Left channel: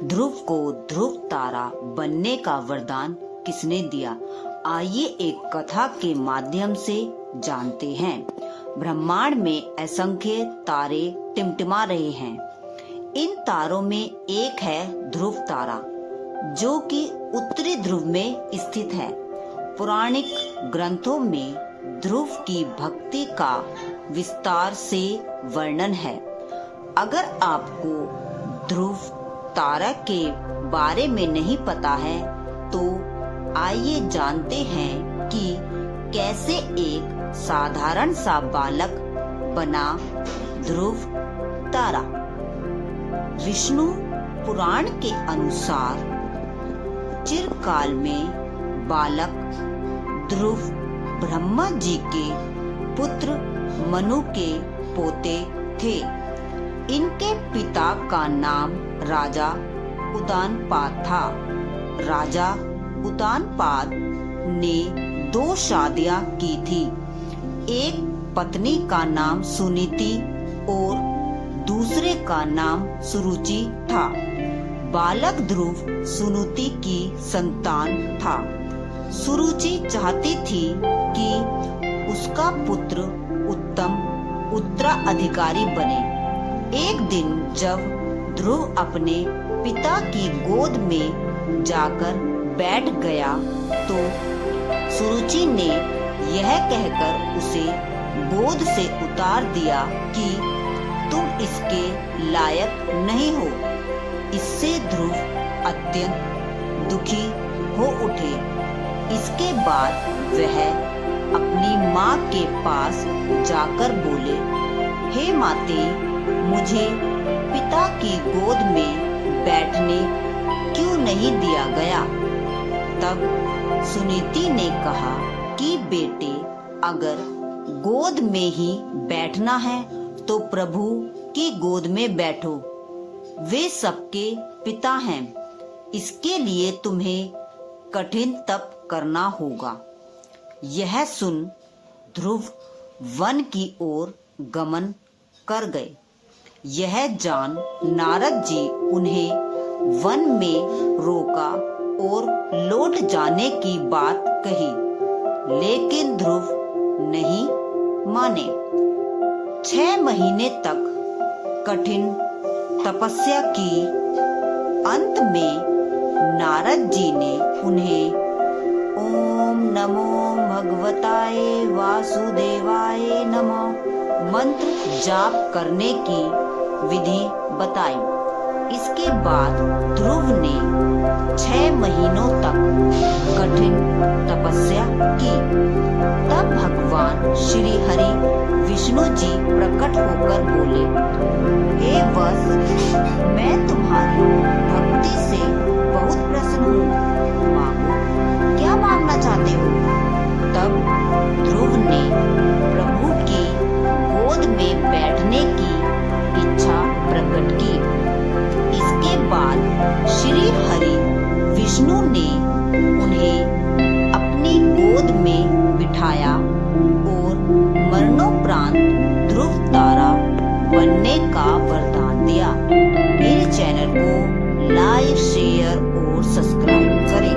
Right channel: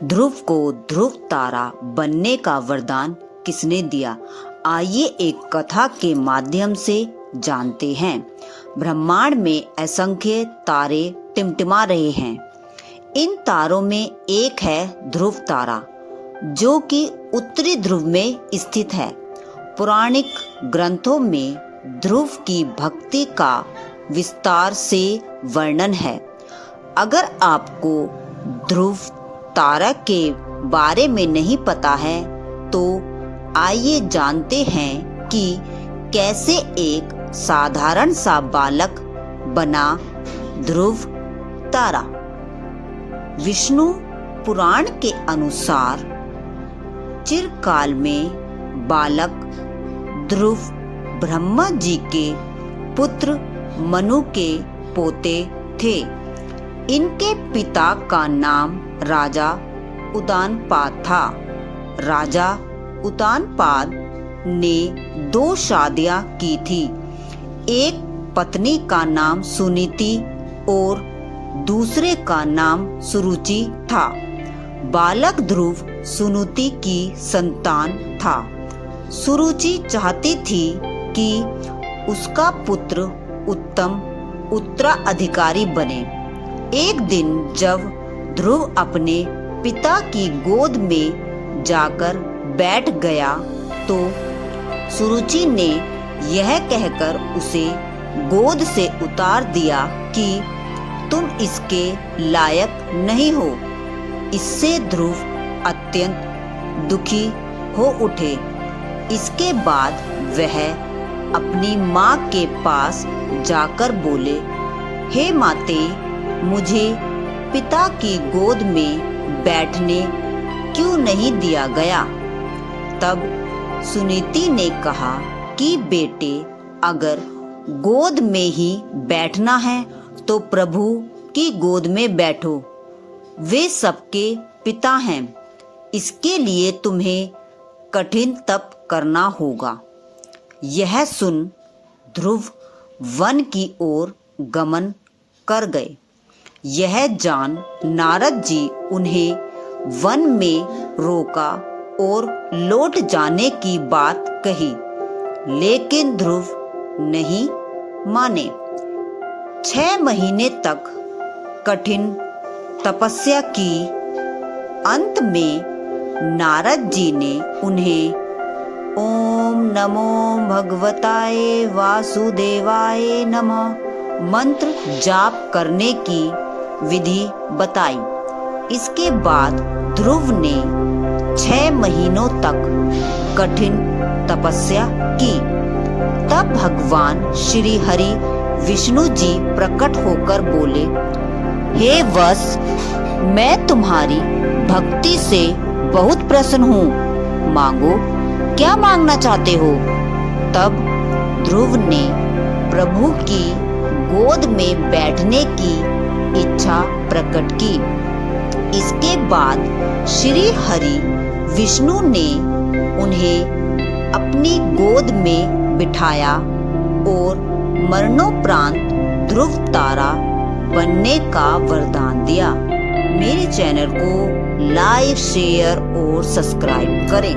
ध्रुव को ध्रुव तारा बनने का वरदान किसने दिया? आइए एक कथा के माध्यम से जानते हैं। ब्रह्मांड में असंख्य तारे टिमटिमा रहे हैं। इन तारों में एक है ध्रुव तारा, जो कि उत्तरी ध्रुव में स्थित है। पौराणिक ग्रंथों में ध्रुव की भक्ति का विस्तार से वर्णन है। अगर आपको ध्रुव तारा के बारे में नहीं पता है तो आइए जानते हैं कि कैसे एक साधारण सा बालक बना ध्रुव तारा। विष्णु पुराण के अनुसार चिरकाल में बालक ध्रुव ब्रह्मा जी के पुत्र मनु के पोते थे। इनके पिता का नाम राजा उतानपाद था। राजा उतानपाद ने 2 शादियां की थी। एक पत्नी का नाम सुनीति और दूसरे का नाम सुरुचि था। बालक ध्रुव सुनीति की संतान था। सुरुचि चाहती थी कि उसका पुत्र उत्तम उत्तराधिकारी बने। एक दिन जब ध्रुव अपने पिता की गोद में जाकर बैठ गया तो सुरुचि ने यह कहकर उसे गोद से उतार दिया कि तुम इसके लायक नहीं हो। इससे ध्रुव अत्यंत दुखी हो उठे। इसके बाद वह अपनी माँ के पास जाकर बोले, हे माते, मुझे पिता की गोद में बैठने क्यों नहीं दिया गया? तब सुनीति ने कहा कि बेटे, अगर गोद में ही बैठना है तो प्रभु की गोद में बैठो। वे सबके पिता हैं। इसके लिए तुम्हें कठिन तप करना होगा। यह सुन ध्रुव वन की ओर गमन कर गए। यह जान नारद जी उन्हें वन में रोका और लौट जाने की बात कही, लेकिन ध्रुव नहीं माने। 6 महीने तक कठिन तपस्या की। अंत में नारद जी ने उन्हें ओम नमो भगवताय वासुदेवाय नमः मंत्र जाप करने की विधि बताई। इसके बाद ध्रुव ने 6 महीनों तक कठिन तपस्या की। तब भगवान श्री हरि विष्णु जी प्रकट होकर बोले, हे वत्स, मैं तुम्हारी भक्ति से बहुत प्रसन्न हूँ। मांगो, क्या मांगना चाहते हो? तब ध्रुव ने प्रभु की गोद में बैठने की इच्छा प्रकट की। इसके बाद श्री हरि विष्णु ने उन्हें अपनी गोद में बिठाया और मरणोपरांत ध्रुव तारा बनने का वरदान दिया। मेरे चैनल को लाइक, शेयर और सब्सक्राइब करें।